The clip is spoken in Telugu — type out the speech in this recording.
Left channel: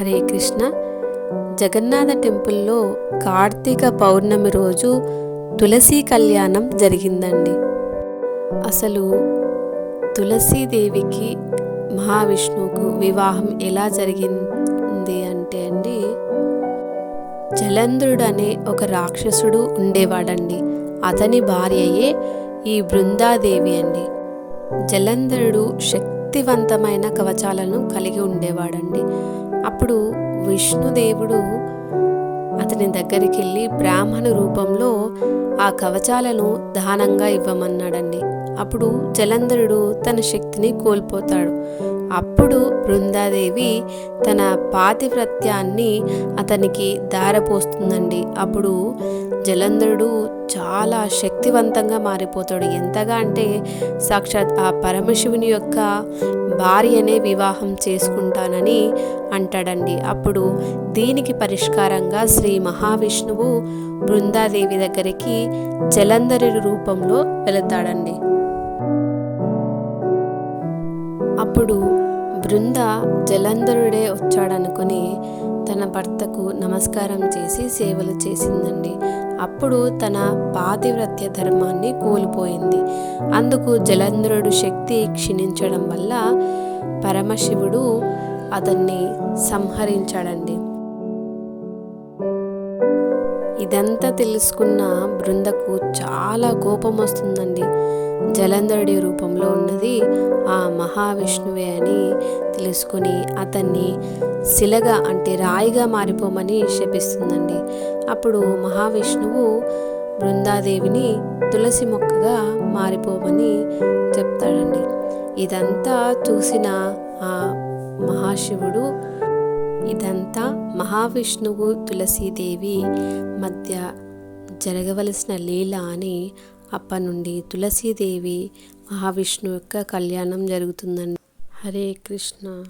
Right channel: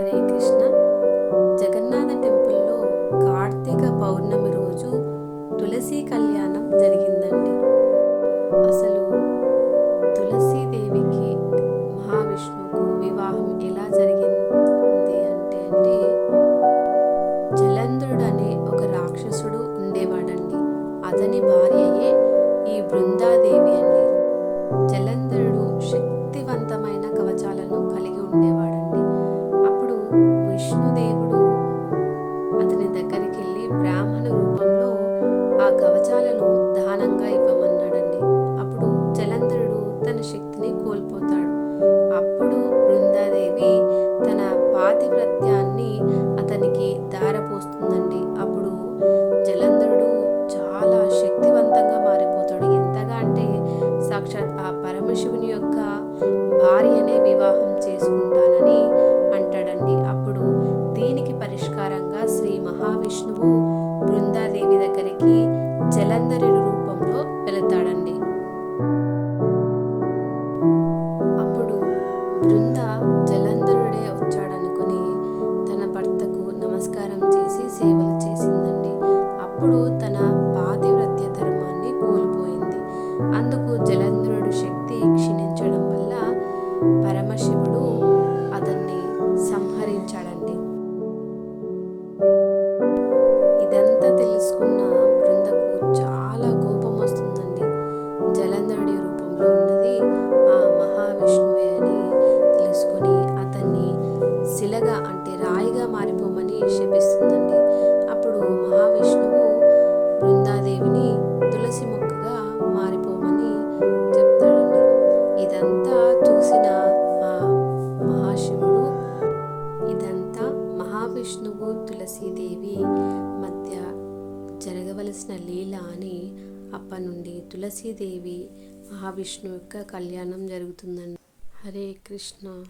హరే కృష్ణ. జగన్నాథ టెంపుల్లో కార్తీక పౌర్ణమి రోజు తులసి కళ్యాణం జరిగిందండి. అసలు తులసీదేవికి మహావిష్ణువుకు వివాహం ఎలా జరిగింది అంటే అండి జలంధ్రుడు అనే ఒక రాక్షసుడు ఉండేవాడండి. అతని భార్యయే ఈ బృందాదేవి అండి. జలంధరుడు శక్తివంతమైన కవచాలను కలిగి ఉండేవాడండి. విష్ణుదేవుడు అతని దగ్గరికి వెళ్ళి బ్రాహ్మణ రూపంలో ఆ కవచాలను దానంగా ఇవ్వమన్నాడండి. అప్పుడు జలంధరుడు తన శక్తిని కోల్పోతాడు. అప్పుడు బృందాదేవి తన పాతివ్రత్యాన్ని అతనికి దారపోస్తుందండి అప్పుడు జలంధరుడు చాలా శక్తివంతంగా మారిపోతాడు. ఎంతగా అంటే సాక్షాత్ ఆ పరమశివుని యొక్క భార్యనే వివాహం చేసుకుంటానని అంటాడండి. అప్పుడు దీనికి పరిష్కారంగా శ్రీ మహావిష్ణువు బృందాదేవి దగ్గరికి జలంధరి రూపంలో వెళతాడండి. అప్పుడు బృంద జలంధరుడే వచ్చాడనుకుని తన భర్తకు నమస్కారం చేసి సేవలు చేసిందండి. అప్పుడు తన పాతివ్రత్య ధర్మాన్ని కోల్పోయింది. అందుకు జలంధ్రుడు శక్తి క్షీణించడం వల్ల పరమశివుడు అతన్ని సంహరించాడండి. ఇదంతా తెలుసుకున్న బృందకు చాలా కోపం వస్తుందండి. జలంధరుడి రూపంలో ఉన్నది ఆ మహావిష్ణువే అని తెలుసుకొని అతన్ని శిలగా అంటే రాయిగా మారిపోమని శపిస్తుందండి. అప్పుడు మహావిష్ణువు బృందాదేవిని తులసి మొక్కగా మారిపోమని చెప్తాడండి. ఇదంతా చూసిన ఆ మహాశివుడు ఇదంతా మహావిష్ణువు తులసీదేవి మధ్య జరగవలసిన లీల అని అప్పటి నుండి తులసీదేవి మహావిష్ణువు యొక్క కళ్యాణం జరుగుతుందండి. హరే కృష్ణ.